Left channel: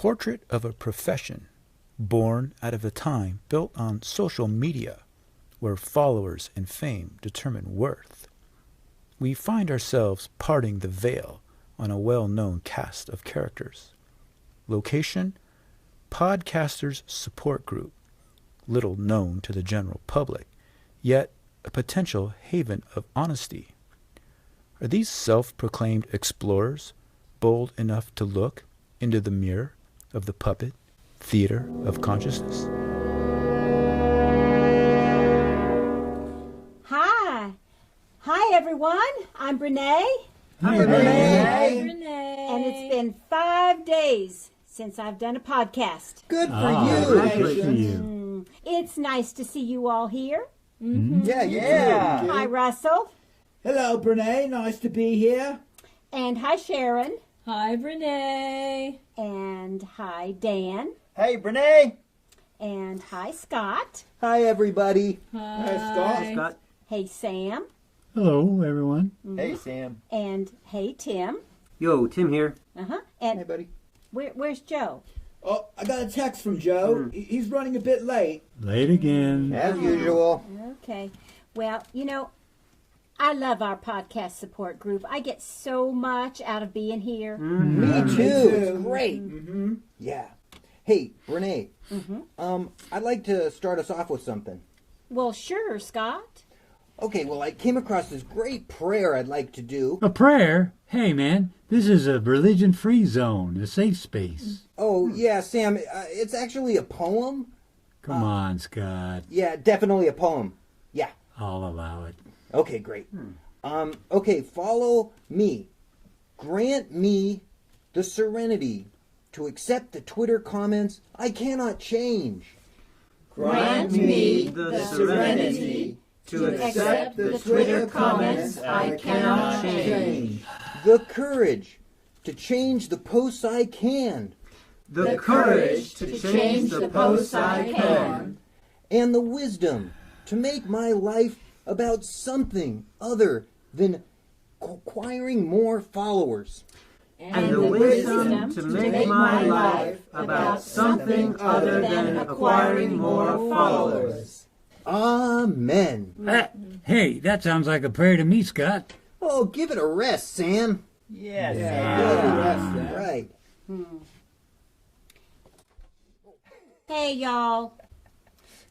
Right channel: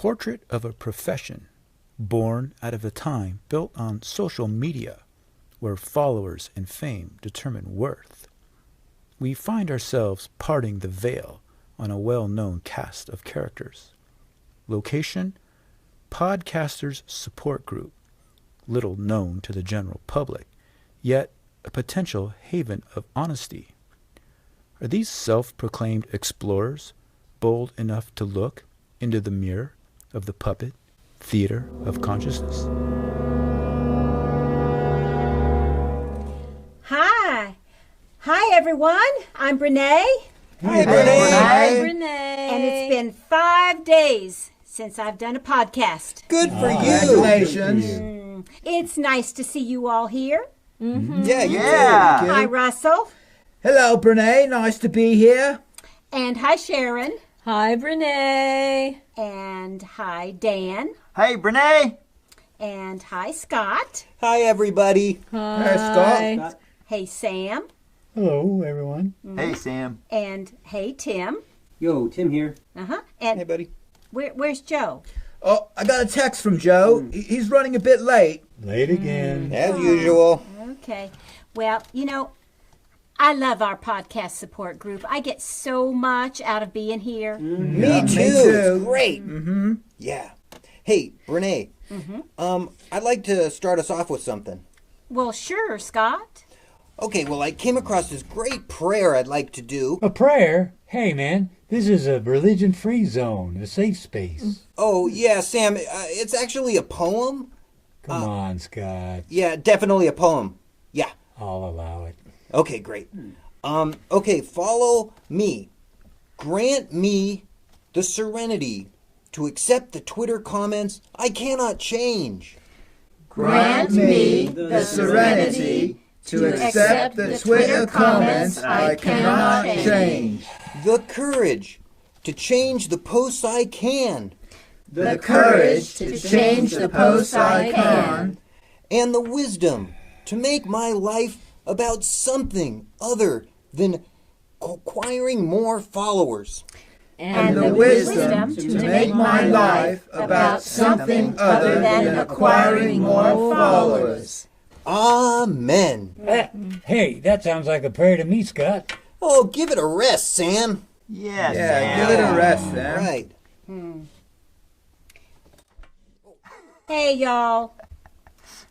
portrait of a profession born out of a time built on social media, where followers and fame determine worth. We find ourselves parting the veil on a well-known cast of characters. Location: Podcasters Support Group, little known to the general public, yet a potential haven of honesty. Are these self-proclaimed explorers bold enough to look into the mirror of the puppet theater of consciousness? Hi everyone, I'm Brene. Hi Brene. Hi Brene. And it's been 5 days since I've done a podcast. Good for you. Congratulations. It's nice to see you all here. Mm-hmm. Yeah, you Yeah. too. Hi Russell. Hello, Brene. Nice to be here. And hi Sharon. Hi, Brene. And hi Dan. Hey, Brene. And hi Scott. Hi everybody. Hey, Scott. Scott. Hey Sam. Hello, everyone. Hey, Sam. And hey Tim. Yo, Tim here. And Hey buddy. where's Joe? Oh, I got a text from Joe. He's running a bit late. Late again. As usual. Okay. Well, I love our podcast support group. I get so much out of being here. Me too. too. It's great. Mm-hmm. Yeah. Hey, Brene. I'd like to start us off with something. Well, sure, Scott. Okay, well, I came across this great prayer I'd like to do. A prayer? Hey, man, this is a religion-free zone, a safe space. Oh, yeah, Sam, it's actually a poem. Come on, Scott. Yeah, definitely a poem. Yeah. I'll allow it. Okay, great. Okay, follow me. Grant me the serenity to accept the Twitter comments I cannot change. Grant me the serenity to accept the Twitter comments I cannot change. The courage to change the posts I can. The courage to change the posts I can. And the wisdom to make my life about something other than acquiring more followers. And the wisdom to make my life about something other than acquiring more followers. Amen. Hey, that sounds like a prayer to me, Scott. Oh, give it a rest, Sam. Yes, Yeah, Sam. give it a rest, then. Right. Hey, y'all.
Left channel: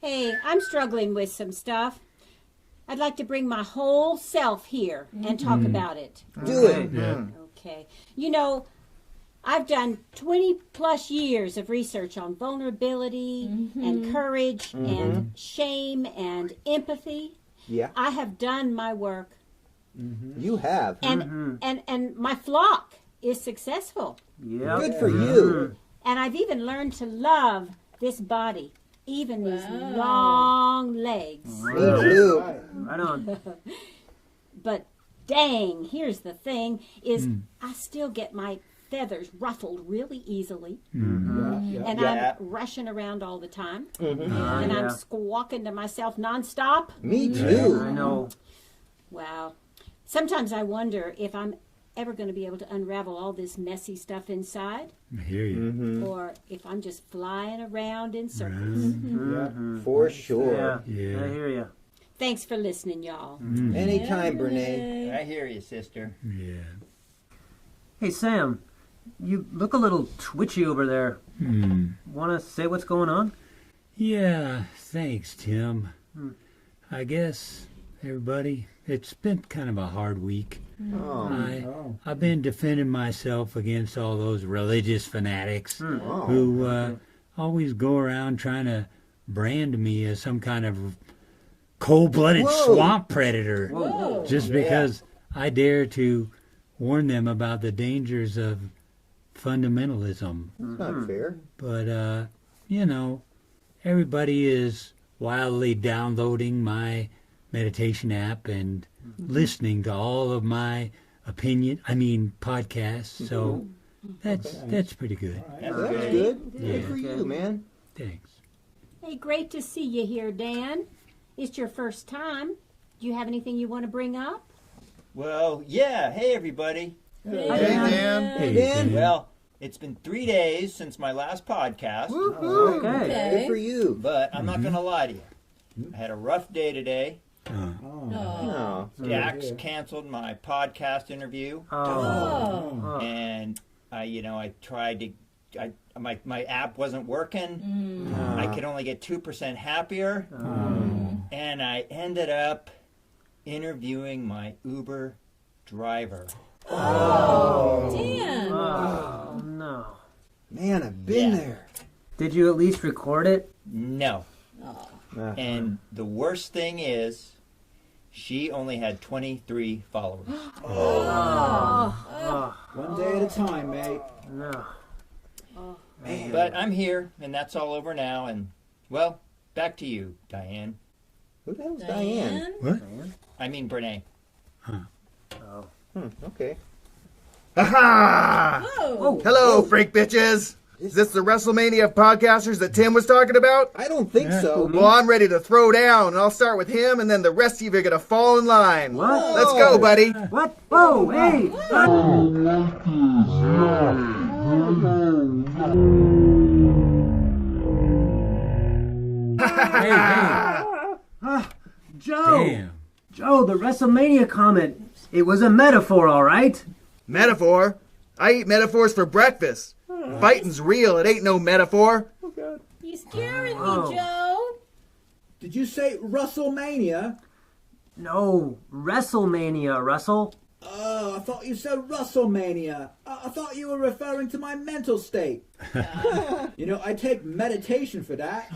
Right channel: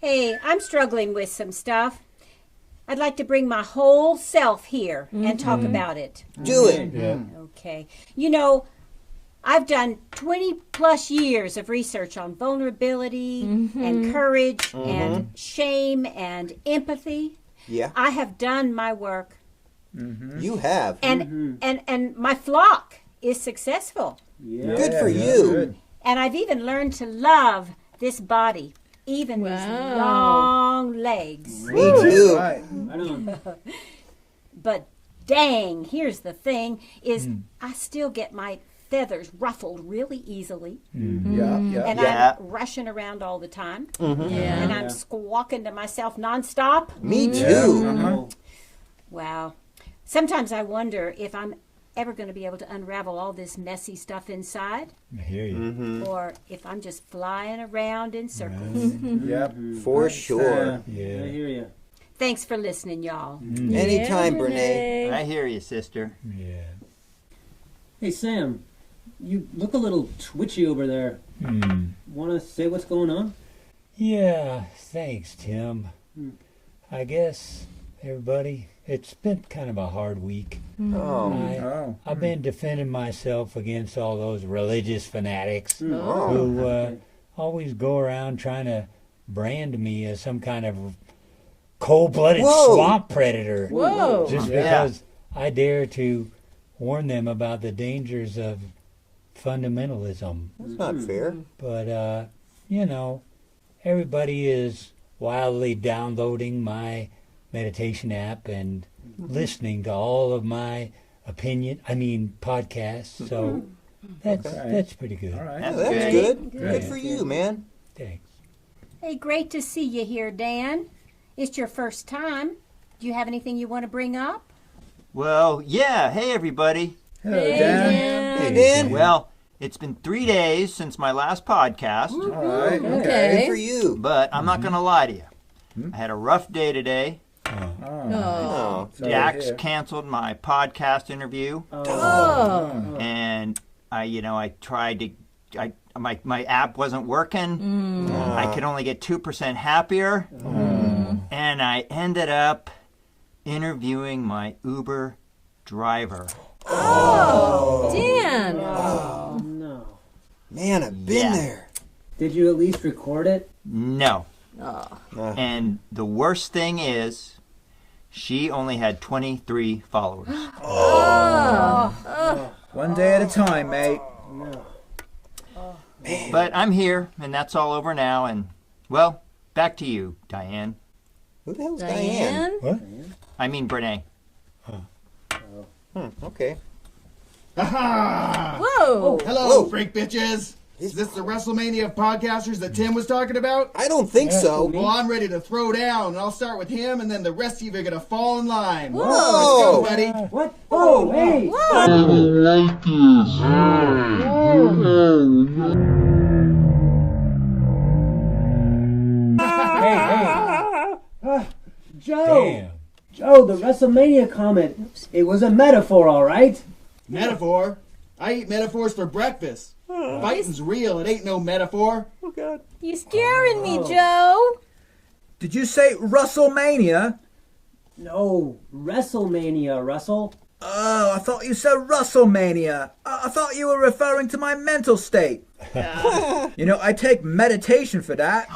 Hey, I'm struggling with some stuff. I'd like to bring my whole self here and talk about it. Do it. Yeah. Okay. I've done 20 plus years of research on vulnerability and courage and shame and empathy. Yeah, I have done my work, you have. and my flock is successful. Yeah. Good for you. And I've even learned to love this body, even these long legs. Me too. Right. Right on. But dang, here's the thing, is I still get my feathers ruffled really easily. Yeah, yeah. And Yeah. I'm rushing around all the time. Mm-hmm. And I'm squawking to myself nonstop. Me I too. know. Wow. Sometimes I wonder if I'm ever going to be able to unravel all this messy stuff inside, I hear you. Mm-hmm. or if I'm just flying around in circles. Yep. For sure. Yeah. I hear you. Thanks for listening, y'all. Anytime, Brene. I hear you, sister. Yeah. Hey, Sam, you look a little twitchy over there. Hmm. Want to say what's going on? Yeah, thanks, Tim. I guess, everybody, it's been kind of a hard week. Oh. I've been defending myself against all those religious fanatics Oh. who always go around trying to brand me as some kind of cold-blooded Whoa. swamp predator. Whoa. Just because I dare to warn them about the dangers of fundamentalism. That's not fair. But, everybody is wildly downloading my meditation app and listening to all of my podcasts. So that's pretty good. All right. Oh, that's good. Good for you, man. Thanks. Hey, great to see you here, Dan. It's your first time. Do you have anything you want to bring up? Well, yeah. Hey, everybody. Hello, Dan. Hey, Dan. Well, It's been 3 days since my last podcast, Good for Okay. you. but I'm not going to lie to you. I had a rough day today. Oh. Dax canceled my podcast interview, Oh. and I tried to. My app wasn't working. I could only get 2% happier, and I ended up interviewing my Uber driver. Oh. Dan. Oh, no. Man, I've been there. Did you at least record it? No. Oh. And the worst thing is, she only had 23 followers. One day at a time, mate. No. But I'm here, and that's all over now. And, well, back to you, Diane. Who the hell's Diane? What? I mean, Brene. Okay. Aha! Whoa. Hello, Whoa. freak bitches. Is this the WrestleMania of podcasters that Tim was talking about? I don't think so. Well, I'm ready to throw down, and I'll start with him, and then the rest of you are gonna fall in line. Whoa. Let's go, buddy. What? Whoa, hey! Hey, Joe! damn. Joe, the WrestleMania comment. It was a metaphor, all right? Metaphor? I eat metaphors for breakfast. Fighting's real, it ain't no metaphor. You scaring me, Oh. Joe. Did you say WrestleMania? No, WrestleMania, Russell. Oh, I thought you said WrestleMania. I thought you were referring to my mental state. You know, I take meditation for that.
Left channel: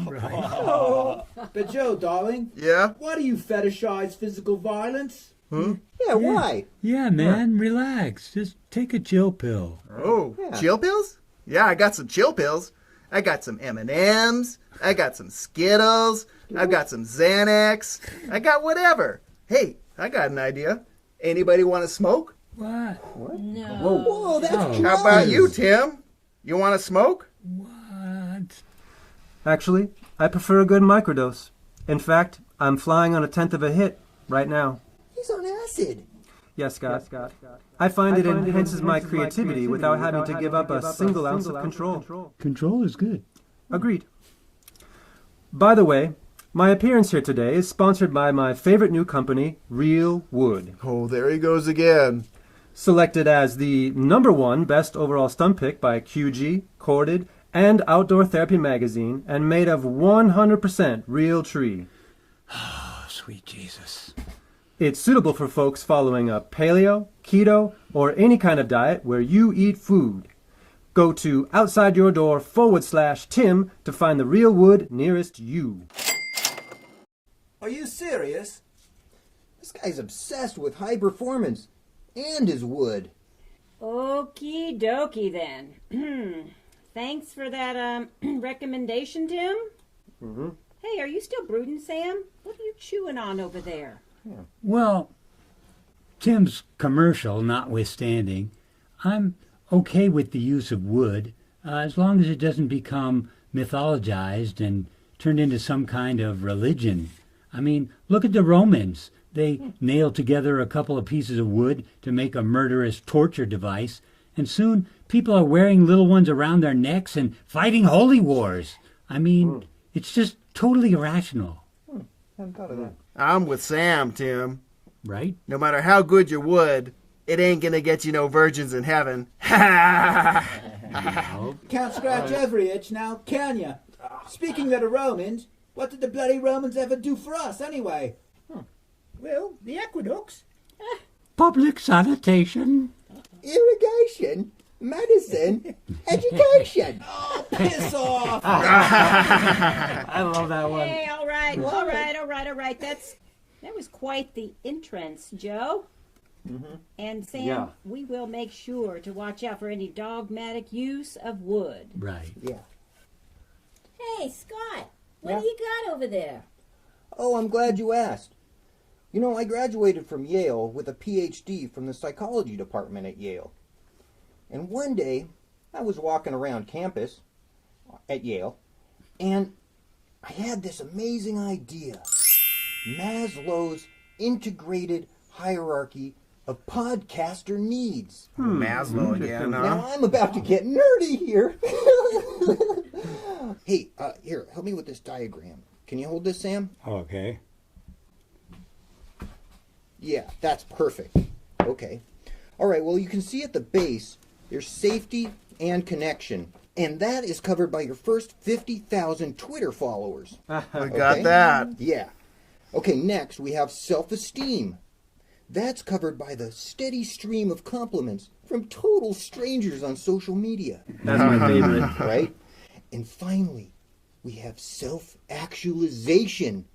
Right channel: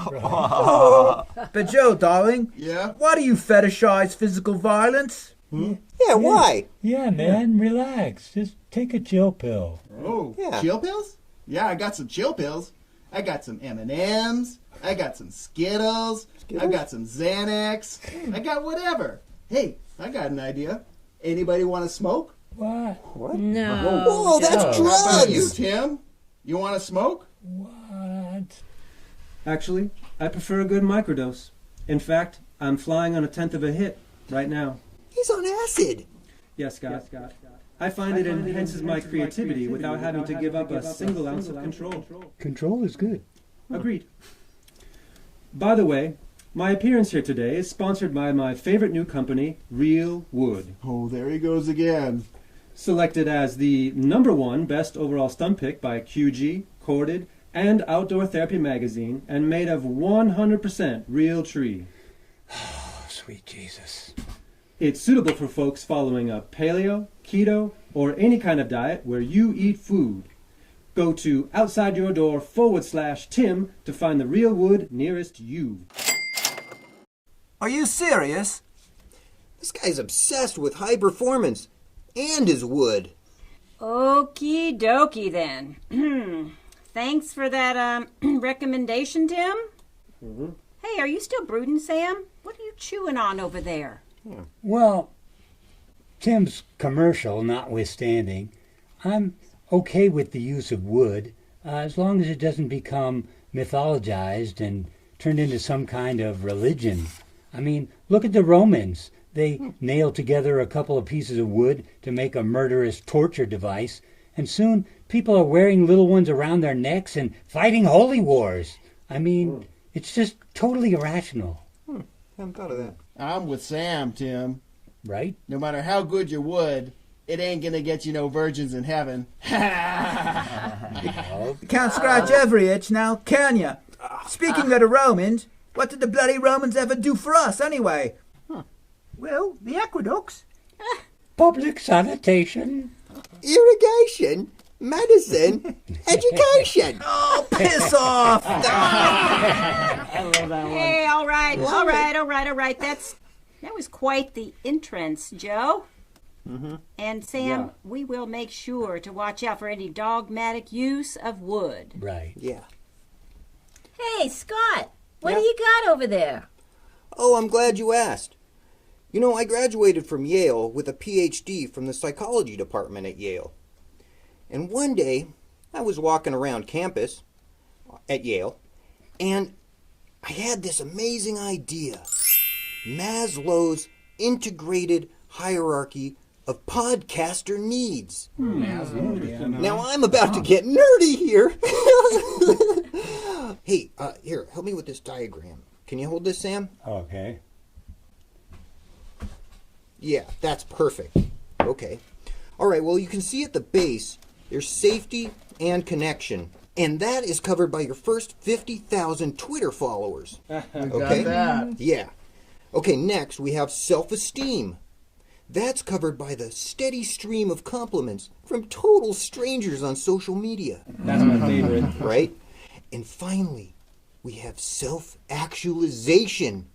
But Joe, darling, Yeah? why do you fetishize physical violence? Yeah, why? Yeah, man, relax. Just take a chill pill. Oh, Yeah. chill pills? Yeah, I got some chill pills. I got some M&Ms. I got some Skittles. I've got some Xanax. I got whatever. Hey, I got an idea. Anybody want to smoke? What? No. Whoa, that's Oh. drugs. How about you, Tim? You want to smoke? What? Actually, I prefer a good microdose. In fact, I'm flying on a tenth of a hit right now. He's on acid. Yes, Scott. I find it enhances my creativity without having to give up a single ounce of control. Control is good. Agreed. By the way, my appearance here today is sponsored by my favorite new company, Real Wood. Oh, there he goes again. Selected as the #1 best overall stunt pick by QG, Corded, and Outdoor Therapy magazine, and made of 100% real tree. Oh, sweet Jesus. It's suitable for folks following a paleo, keto, or any kind of diet where you eat food. Go to outsideyourdoor/Tim to find the Real Wood nearest you. Are you serious? This guy's obsessed with high performance and his wood. Okie dokie then. Thanks for that recommendation, Tim. Hey, are you still brooding, Sam? What are you chewing on over there? Well, Tim's commercial notwithstanding, I'm okay with the use of wood as long as it doesn't become mythologized and turned into some kind of religion. I mean, look at the Romans. They nailed together a couple of pieces of wood to make a murderous torture device, and soon people are wearing little ones around their necks and fighting holy wars. I mean, it's just totally irrational, Haven't thought of that. I'm with Sam, Tim. right? No matter how good your wood, it ain't gonna get you no virgins in heaven. You can't scratch every itch now, can you? Speaking of the Romans, what did the bloody Romans ever do for us anyway? Well, the aqueducts. Public sanitation. Irrigation, medicine, education. Oh, piss off! I love that one. Hey, all right. That was quite the entrance, Joe. And Sam, Yeah. we will make sure to watch out for any dogmatic use of wood. Right. Yeah. Hey, Scott. What do you got over there? Oh, I'm glad you asked. You know, I graduated from Yale with a PhD from the psychology department at Yale. And one day, I was walking around campus at Yale, and I had this amazing idea. Maslow's integrated hierarchy of podcaster needs. Maslow again. Now I'm about to get nerdy here. Hey, here, help me with this diagram. Can you hold this, Sam? Okay. Yeah, that's perfect. Okay. All right, well, you can see at the base, there's safety and connection. And that is covered by your first 50,000 Twitter followers. I got that. Yeah. Okay, next we have self-esteem. That's covered by the steady stream of compliments from total strangers on social media. That's my favorite. Right? And finally, we have self-actualization.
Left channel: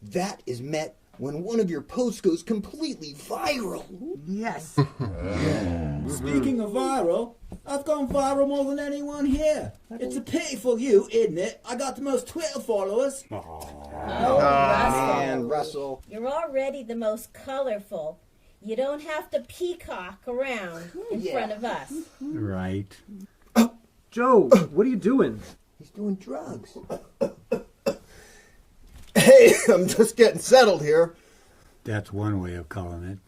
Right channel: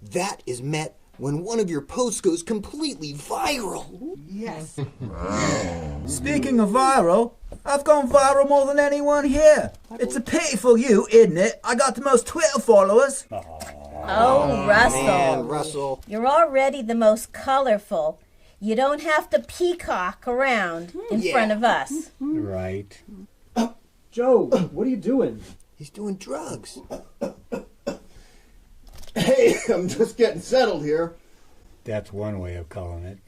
That is met when one of your posts goes completely viral. Yes. Speaking of viral, I've gone viral more than anyone here. It's a pity for you, isn't it? I got the most Twitter followers. Oh, Russell. Man, Russell. You're already the most colorful. You don't have to peacock around in front of us. Right. Joe, what are you doing? He's doing drugs. Hey, I'm just getting settled here. That's one way of calling it.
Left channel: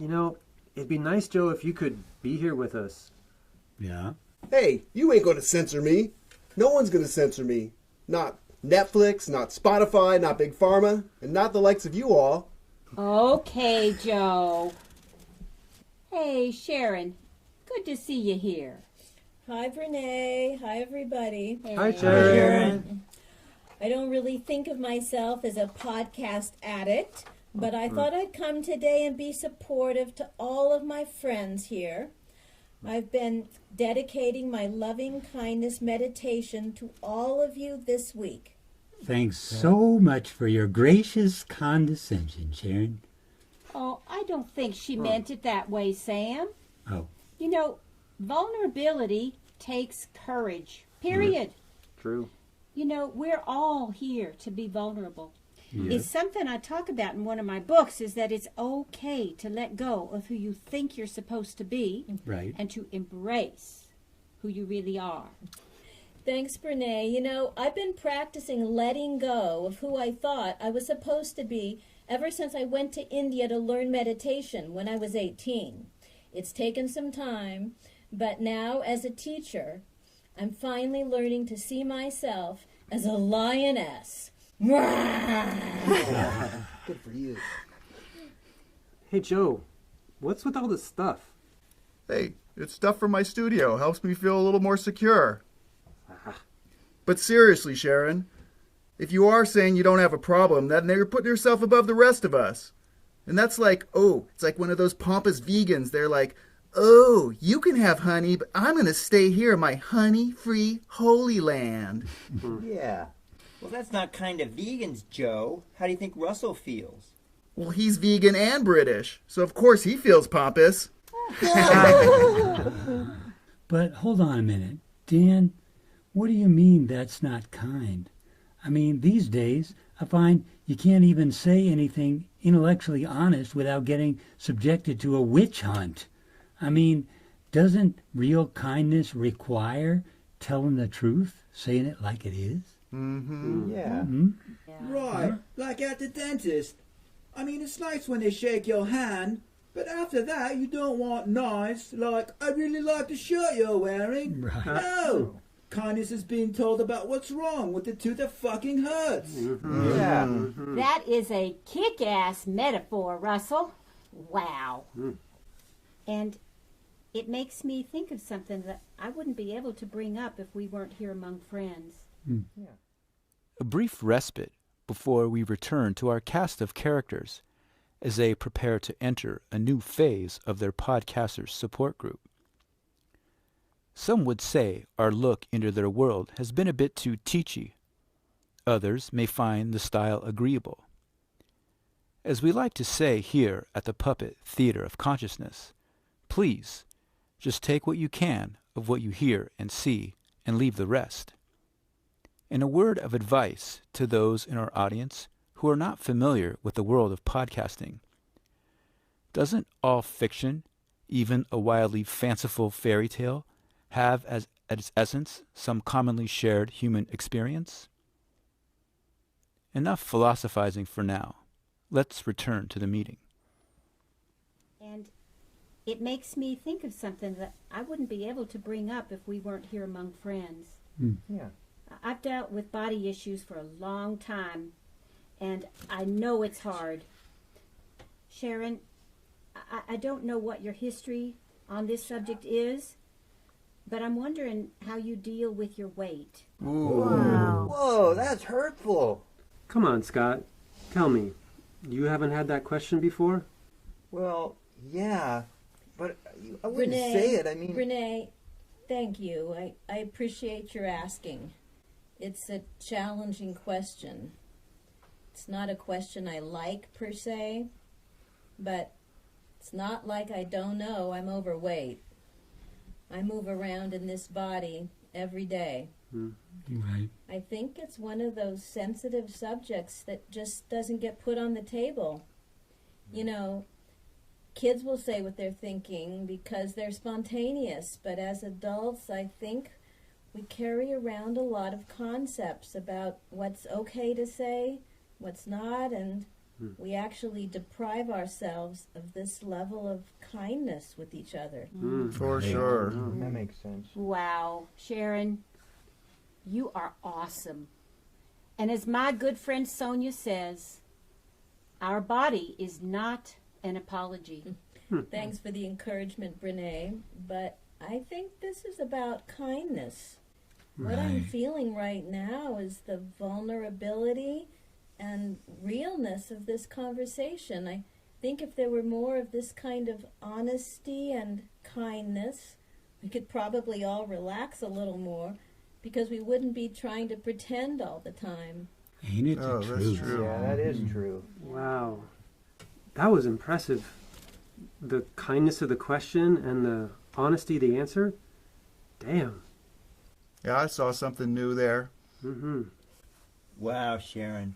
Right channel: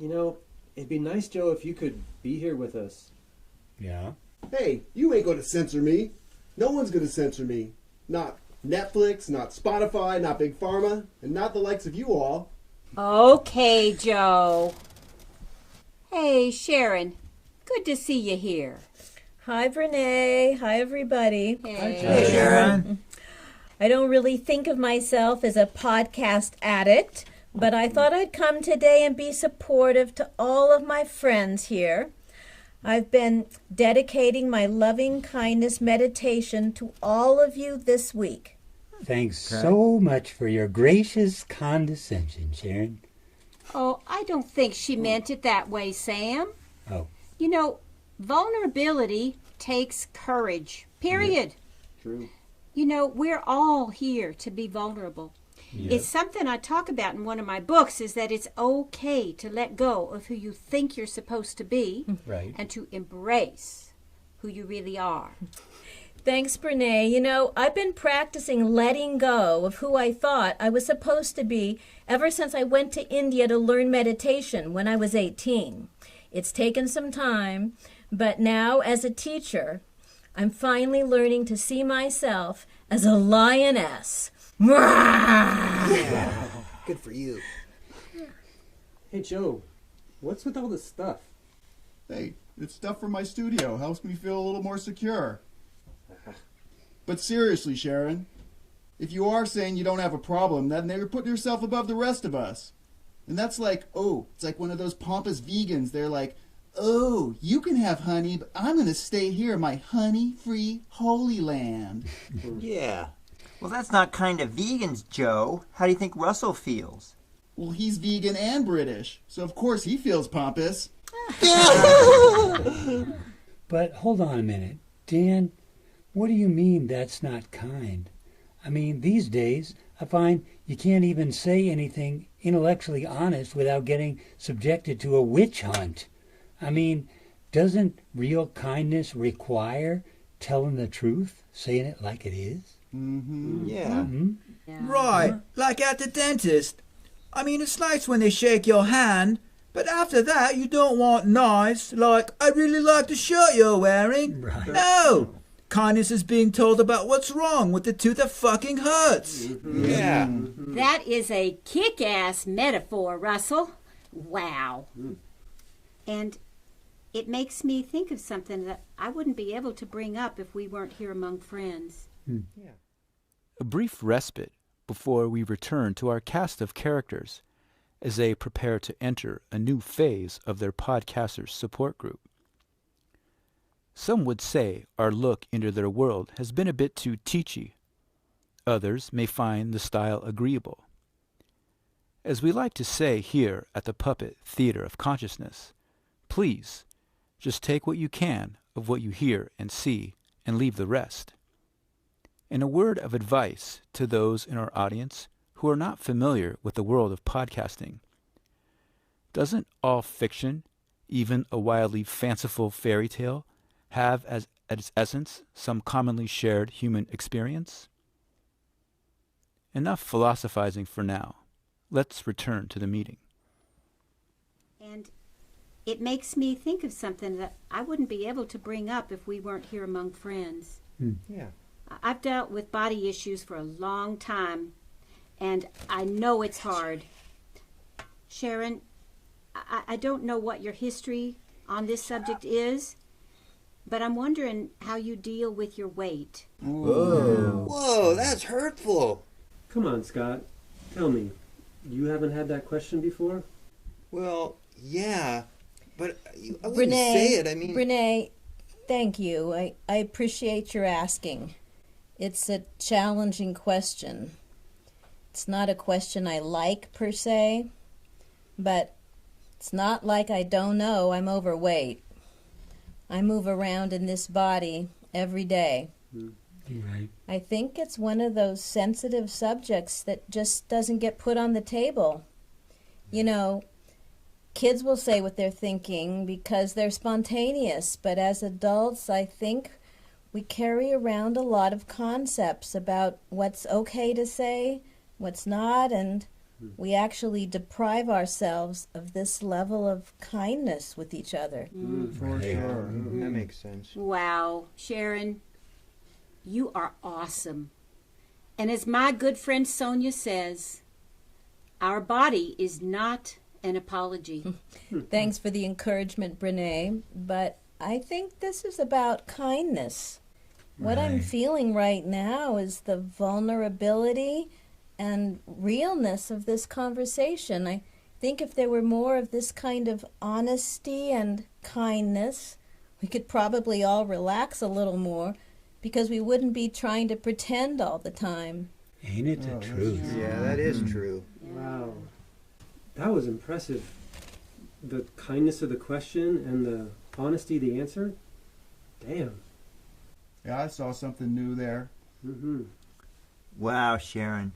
You know, it'd be nice, Joe, if you could be here with us. Yeah. Hey, you ain't going to censor me. No one's going to censor me. Not Netflix, not Spotify, not Big Pharma, and not the likes of you all. Okay, Joe. Hey, Sharon. Good to see you here. Hi, Brene. Hi, everybody. Hi, Hey, Joe. Sharon. I don't really think of myself as a podcast addict, but I thought I'd come today and be supportive to all of my friends here. I've been dedicating my loving kindness meditation to all of you this week. Thanks so much for your gracious condescension, Sharon. Oh, I don't think she meant it that way, Sam. Oh. You know, vulnerability takes courage, period. True. You know, we're all here to be vulnerable. Yes. It's something I talk about in one of my books, is that it's okay to let go of who you think you're supposed to be Right. and to embrace who you really are. Thanks, Brene. You know, I've been practicing letting go of who I thought I was supposed to be ever since I went to India to learn meditation when I was 18. It's taken some time, but now as a teacher, I'm finally learning to see myself as a lioness. Yeah. Good for you. Hey, Joe, what's with all this stuff? Hey, it's stuff from my studio. Helps me feel a little more secure. But seriously, Sharon, if you are saying you don't have a problem, then you're putting yourself above the rest of us. And that's like, it's like one of those pompous vegans. They're like, you can have honey, but I'm going to stay here in my honey-free holy land. Yeah. Well, that's not kind of vegans, Joe. How do you think Russell feels? Well, he's vegan and British, so of course he feels pompous. But hold on a minute. Dan, what do you mean that's not kind? I mean, these days, I find you can't even say anything intellectually honest without getting subjected to a witch hunt. I mean, doesn't real kindness require telling the truth, saying it like it is? Yeah. Right, like at the dentist. I mean, it's nice when they shake your hand, but after that, you don't want nice, like, I really like the shirt you're wearing. Right. No! Kindness is being told about what's wrong with the tooth that fucking hurts. Yeah. That is a kick-ass metaphor, Russell. Wow. And it makes me think of something that I wouldn't be able to bring up if we weren't here among friends. A brief respite before we return to our cast of characters as they prepare to enter a new phase of their podcasters' support group. Some would say our look into their world has been a bit too teachy. Others may find the style agreeable. As we like to say here at the Puppet Theater of Consciousness, please just take what you can of what you hear and see and leave the rest. And a word of advice to those in our audience who are not familiar with the world of podcasting. Doesn't all fiction, even a wildly fanciful fairy tale, have as its essence some commonly shared human experience? Enough philosophizing for now. Let's return to the meeting. it makes me think of something that I wouldn't be able to bring up if we weren't here among friends. Yeah. I've dealt with body issues for a long time, and I know it's hard. Sharon, I don't know what your history on this subject is, but I'm wondering how you deal with your weight. Whoa, that's hurtful. Come on, Scott. Tell me, you haven't had that question before? Well, yeah, but I wouldn't say it. I mean, Renee, thank you. I appreciate your asking. It's a challenging question. It's not a question I like per se, but it's not like I don't know I'm overweight. I move around in this body every day. Right. I think it's one of those sensitive subjects that just doesn't get put on the table. You know, kids will say what they're thinking because they're spontaneous, but as adults, I think we carry around a lot of concepts about what's okay to say, what's not, and we actually deprive ourselves of this level of kindness with each other. For sure. that makes sense. Wow, Sharon, you are awesome. And as my good friend Sonia says, our body is not an apology. Thanks for the encouragement, Brene, but I think this is about kindness. What I'm feeling right now is the vulnerability and realness of this conversation. I think if there were more of this kind of honesty and kindness, we could probably all relax a little more because we wouldn't be trying to pretend all the time. Ain't it the Oh, that's truth? true. Yeah, that is true. Wow. That was impressive. The kindness of the question and the honesty of the answer. Damn. Yeah, I saw something new there. Mm-hmm. Wow, Sharon.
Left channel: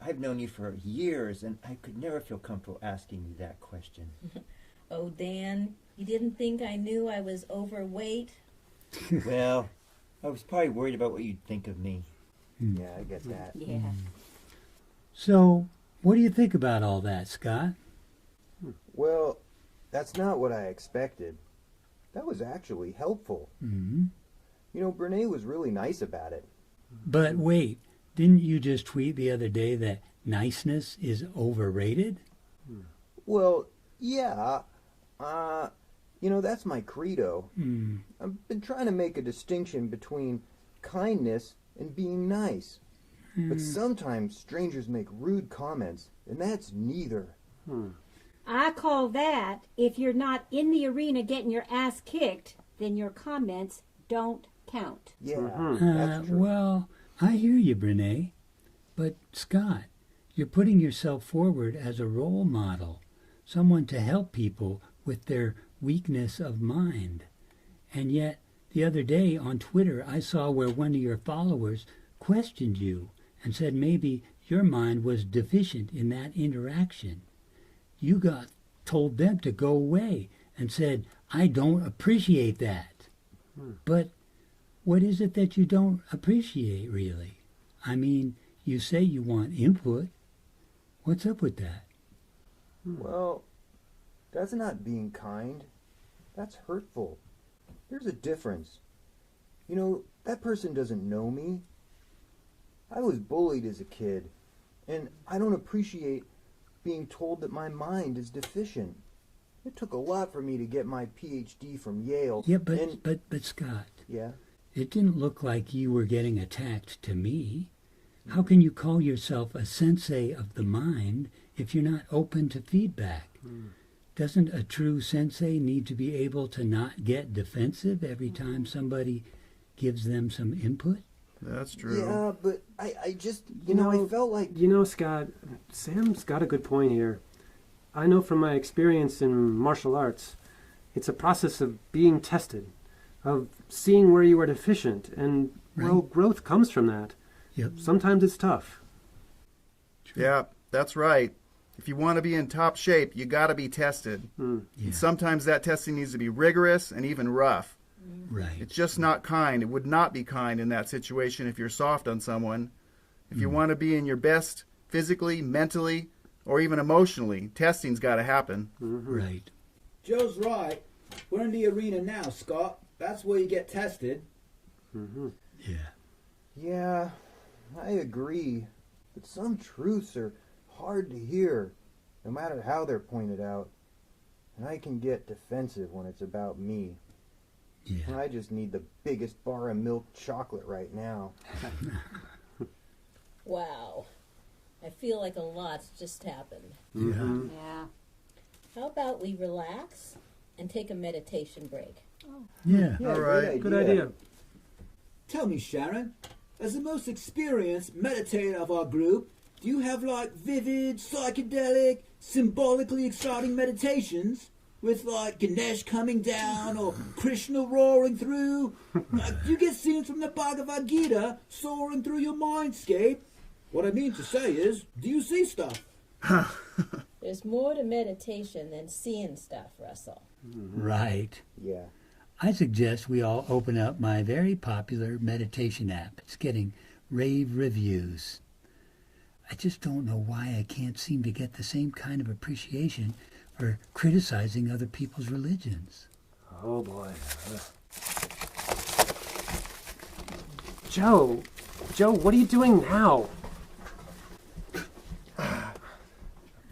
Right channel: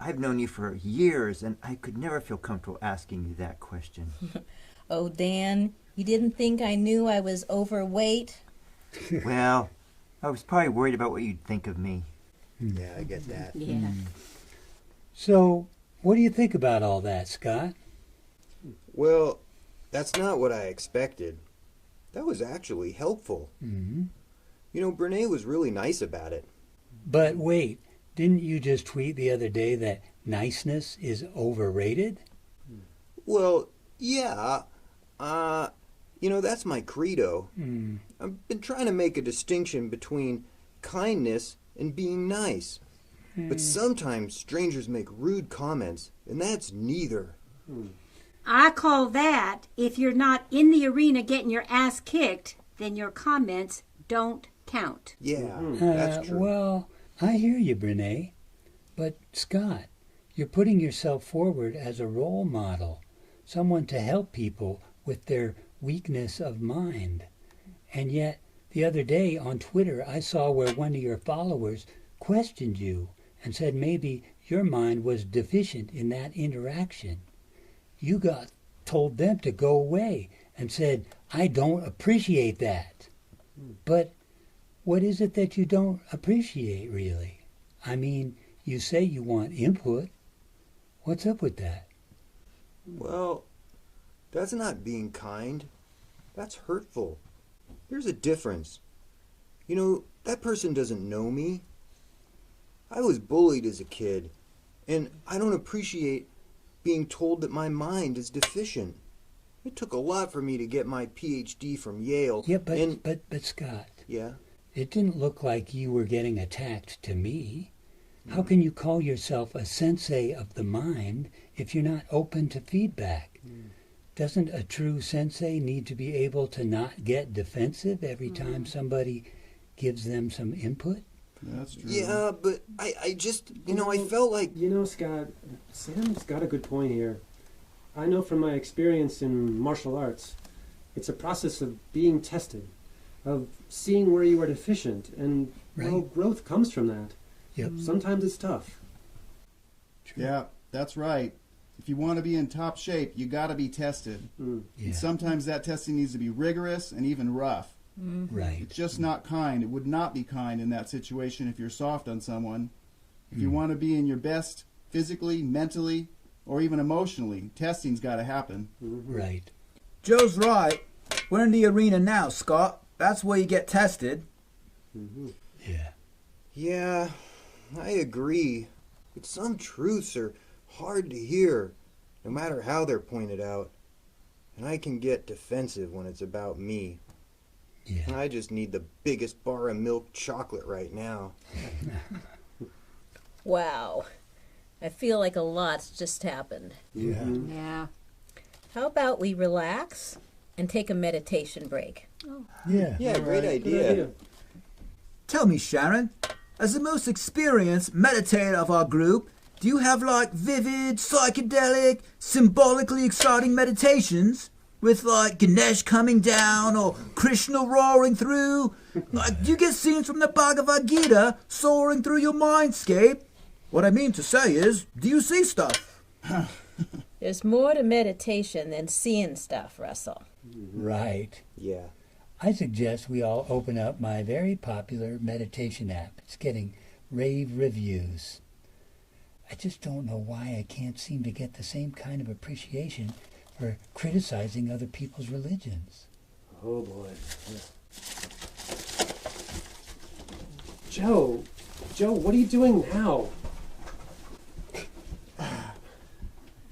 I've known you for years, and I could never feel comfortable asking you that question. Oh, Dan, you didn't think I knew I was overweight? Well, I was probably worried about what you'd think of me. Yeah, I get that. Yeah. So, what do you think about all that, Scott? Well, that's not what I expected. That was actually helpful. Mm-hmm. You know, Brene was really nice about it. But wait, didn't you just tweet the other day that niceness is overrated? Well, yeah. You know, that's my credo. Mm. I've been trying to make a distinction between kindness and being nice. But sometimes strangers make rude comments, and that's neither. I call that, if you're not in the arena getting your ass kicked, then your comments don't count. Yeah, that's true. Well, I hear you, Brene. But, Scott, you're putting yourself forward as a role model, someone to help people with their weakness of mind. And yet, the other day on Twitter, I saw where one of your followers questioned you and said maybe your mind was deficient in that interaction. You told them to go away and said, I don't appreciate that. But what is it that you don't appreciate, really? I mean, you say you want input. What's up with that? Well, that's not being kind. That's hurtful. There's a difference. You know, that person doesn't know me. I was bullied as a kid, and I don't appreciate being told that my mind is deficient. It took a lot for me to get my PhD from Yale. Yeah, but Scott, Yeah? it didn't look like you were getting attacked to me. How can you call yourself a sensei of the mind if you're not open to feedback? Doesn't a true sensei need to be able to not get defensive every time somebody gives them some input? That's true. Yeah, but I just, I felt like... You know, Scott, Sam's got a good point here. I know from my experience in martial arts, it's a process of being tested, of seeing where you are deficient, and, well, growth comes from that. Yep. Sometimes it's tough. Yeah, that's right. If you want to be in top shape, you got to be tested. Yeah. And sometimes that testing needs to be rigorous and even rough. Right. It's just not kind. It would not be kind in that situation if you're soft on someone. If you want to be in your best physically, mentally, or even emotionally, testing's got to happen. Right. Joe's right. We're in the arena now, Scott. That's where you get tested. Yeah. Yeah, I agree. But some truths are hard to hear, no matter how they're pointed out. And I can get defensive when it's about me. Yeah. And I just need the biggest bar of milk chocolate right now. Wow. I feel like a lot's just happened. Yeah. How about we relax and take a meditation break? Yeah. Yeah, All great right, idea. Good idea. Tell me, Sharon, as the most experienced meditator of our group, do you have like vivid, psychedelic, symbolically exciting meditations? With like Ganesh coming down or Krishna roaring through? Like, do you get scenes from the Bhagavad Gita soaring through your mindscape? What I mean to say is, do you see stuff? There's more to meditation than seeing stuff, Russell. Right. Yeah. I suggest we all open up my very popular meditation app. It's getting rave reviews. I just don't know why I can't seem to get the same kind of appreciation for criticizing other people's religions. Oh boy. Joe, what are you doing now?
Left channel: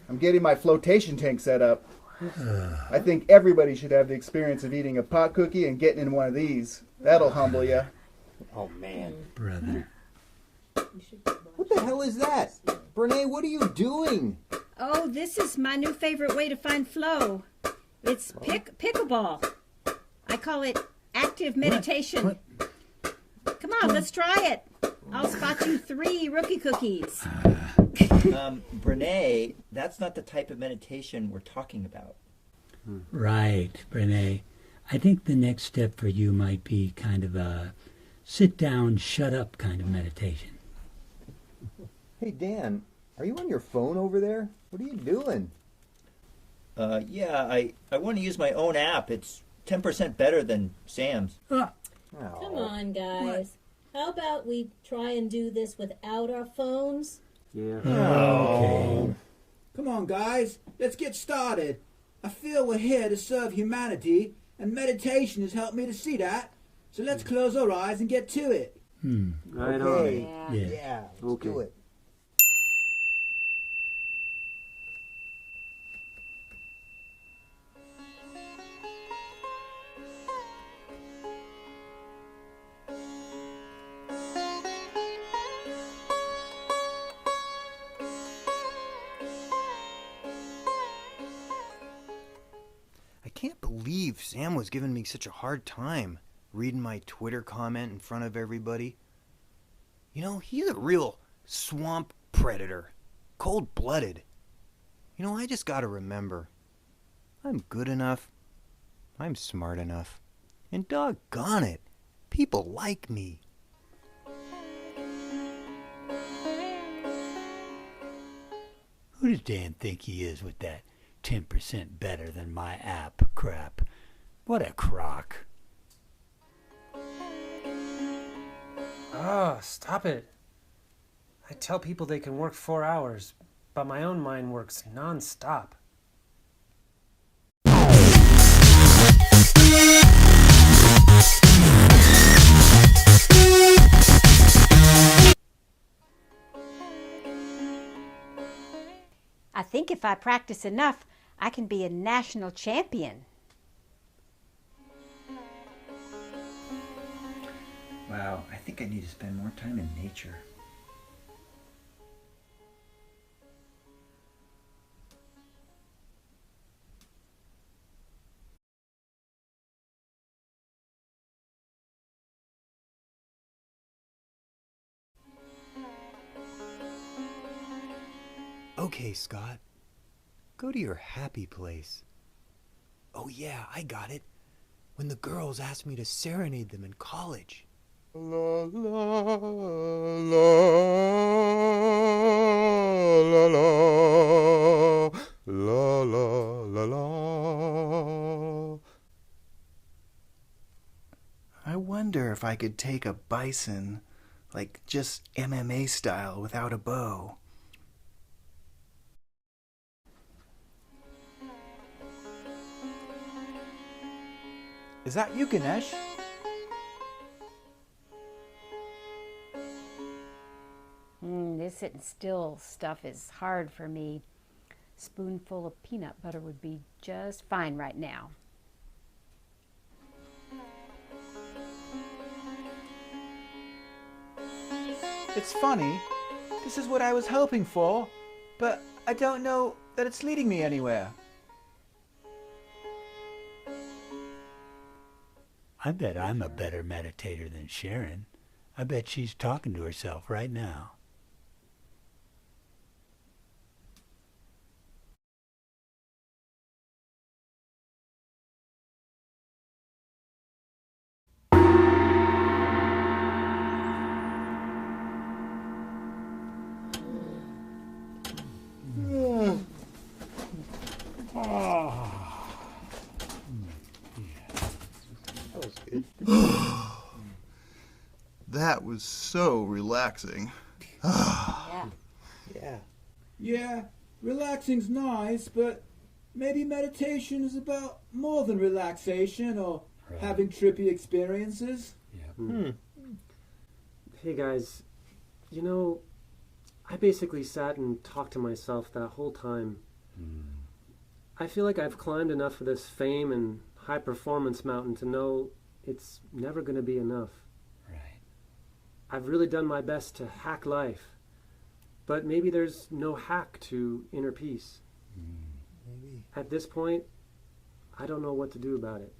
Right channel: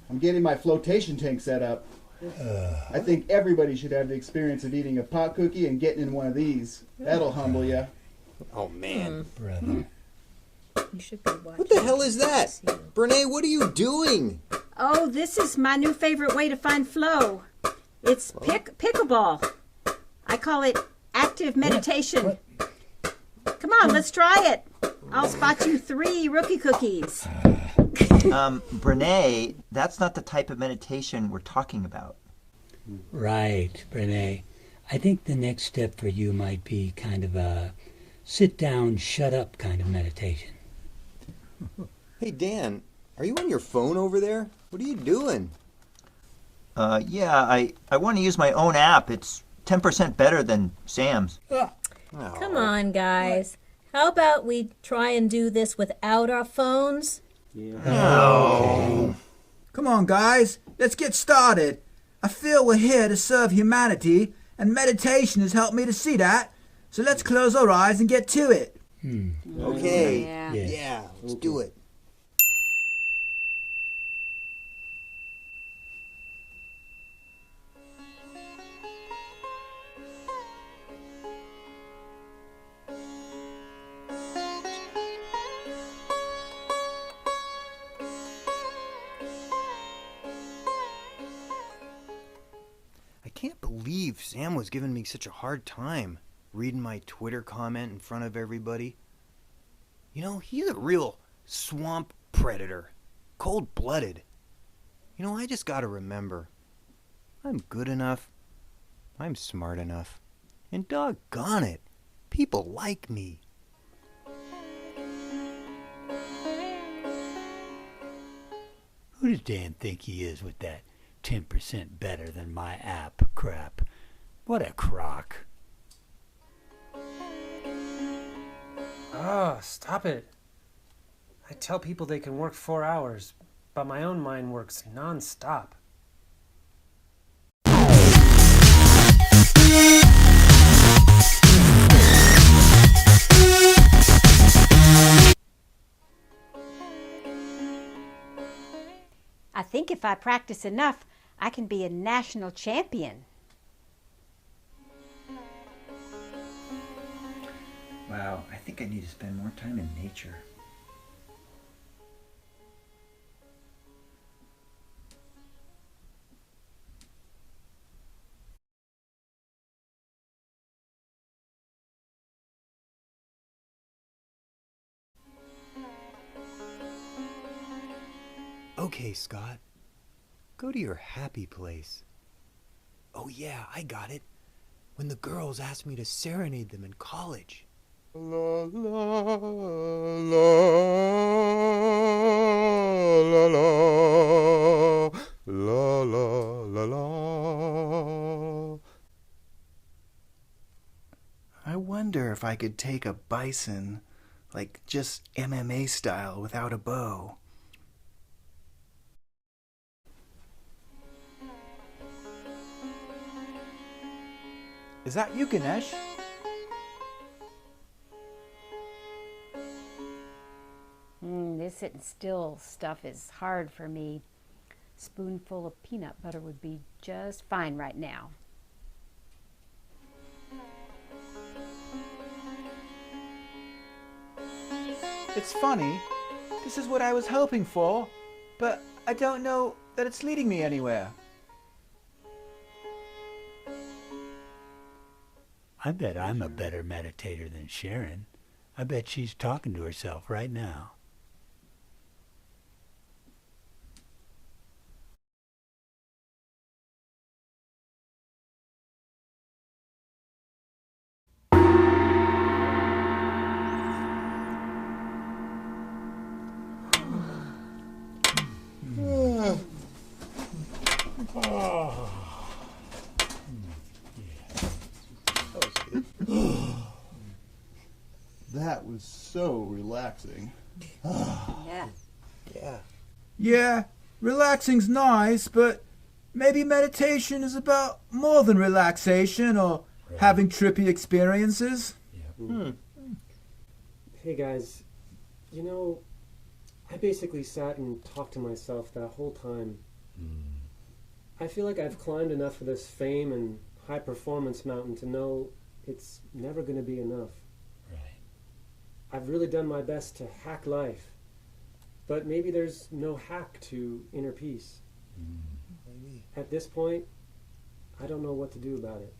I'm getting my flotation tank set up. I think everybody should have the experience of eating a pot cookie and getting in one of these. That'll humble you. Oh, man. Brother. You should be watching. What the hell is that? Brene, what are you doing? Oh, this is my new favorite way to find flow. It's pickleball. I call it active meditation. Come on, let's try it. I'll spot you 3 rookie cookies. Brene, that's not the type of meditation we're talking about. Right, Brene. I think the next step for you might be kind of a sit down, shut up kind of meditation. Hey, Dan, are you on your phone over there? What are you doing? Yeah, I want to use my own app. It's 10% better than Sam's. Oh. Come on, guys. How about we try and do this without our phones? Yeah. Oh. Come on, guys, let's get started. I feel we're here to serve humanity, and meditation has helped me to see that. So let's close our eyes and get to it. Okay. Yeah. Yeah, let's do it. I can't believe Sam was giving me such a hard time reading my Twitter comment in front of everybody. You know, he's a real swamp predator, cold-blooded. You know, I just gotta remember, I'm good enough, I'm smart enough, and doggone it, people like me. Who does Dan think he is with that 10% better than my app crap? What a crock. Oh, stop it. I tell people they can work 4 hours, but my own mind works non-stop. I think if I practice enough, I can be a national champion. Wow, I think I need to spend more time in nature. Okay, Scott, go to your happy place. Oh yeah, I got it. When the girls asked me to serenade them in college. La la la la la la la la. I wonder if I could take a bison, like just MMA style without a bow. Is that you, Ganesh? This sitting still stuff is hard for me. Spoonful of peanut butter would be just fine right now. It's funny. This is what I was hoping for, but I don't know that it's leading me anywhere. I bet I'm a better meditator than Sharon. I bet she's talking to herself right now. That was so relaxing. Yeah. Yeah, relaxing's nice, but maybe meditation is about more than relaxation or having trippy experiences. Hey guys, you know, I basically sat and talked to myself that whole time. I feel like I've climbed enough of this fame and high performance mountain to know it's never going to be enough. I've really done my best to hack life, but maybe there's no hack to inner peace. At this point, I don't know what to do about it.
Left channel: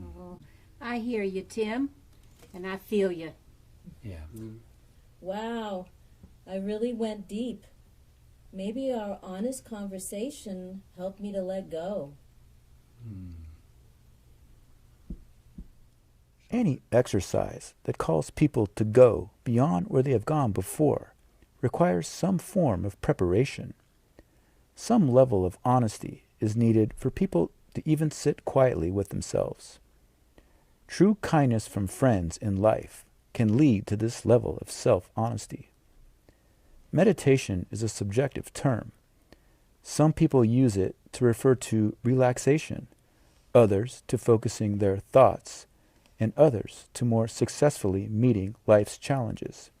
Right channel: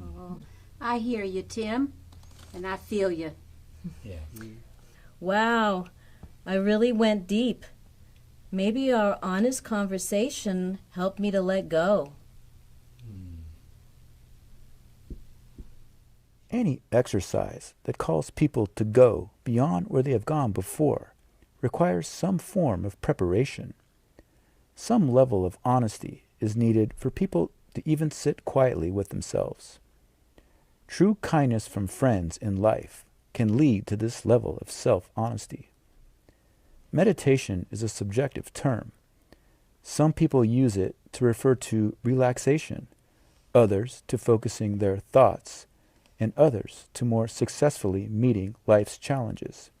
Oh, I hear you, Tim, and I feel you. Wow, I really went deep. Maybe our honest conversation helped me to let go. Any exercise that calls people to go beyond where they have gone before requires some form of preparation. Some level of honesty is needed for people to even sit quietly with themselves. True kindness from friends in life can lead to this level of self-honesty. Meditation is a subjective term. Some people use it to refer to relaxation, others to focusing their thoughts, and others to more successfully meeting life's challenges.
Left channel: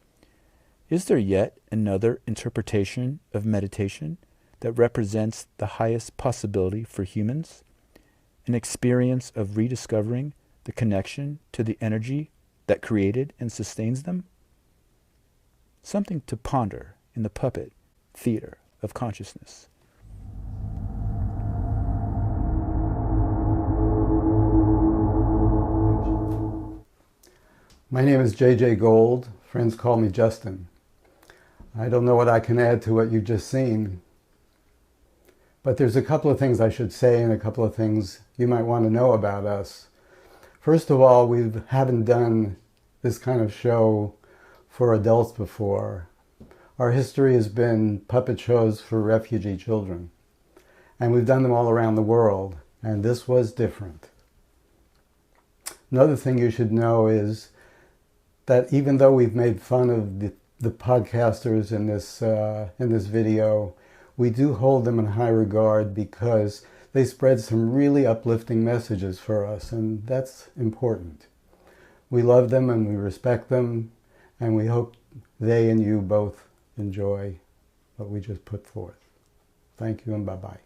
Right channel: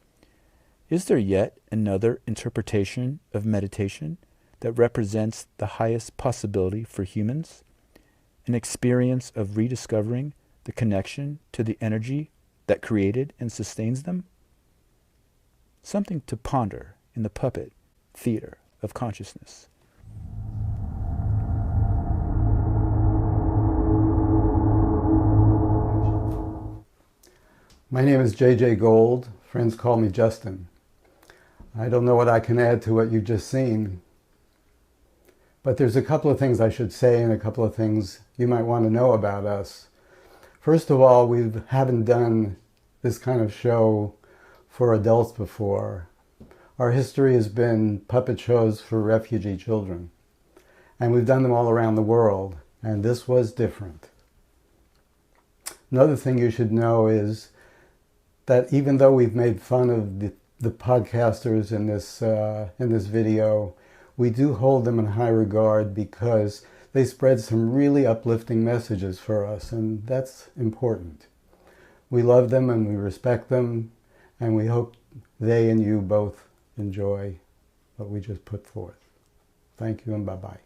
Is there yet another interpretation of meditation that represents the highest possibility for humans? An experience of rediscovering the connection to the energy that created and sustains them? Something to ponder in the puppet theater of consciousness. My name is J Jaye Gold. Friends call me Justin. I don't know what I can add to what you've just seen, but there's a couple of things I should say and a couple of things you might want to know about us. First of all, we haven't done this kind of show for adults before. Our history has been puppet shows for refugee children, and we've done them all around the world, and this was different. Another thing you should know is that even though we've made fun of the podcasters in this video, we do hold them in high regard because they spread some really uplifting messages for us, and that's important. We love them and we respect them, and we hope they and you both enjoy what we just put forth. Thank you and bye-bye.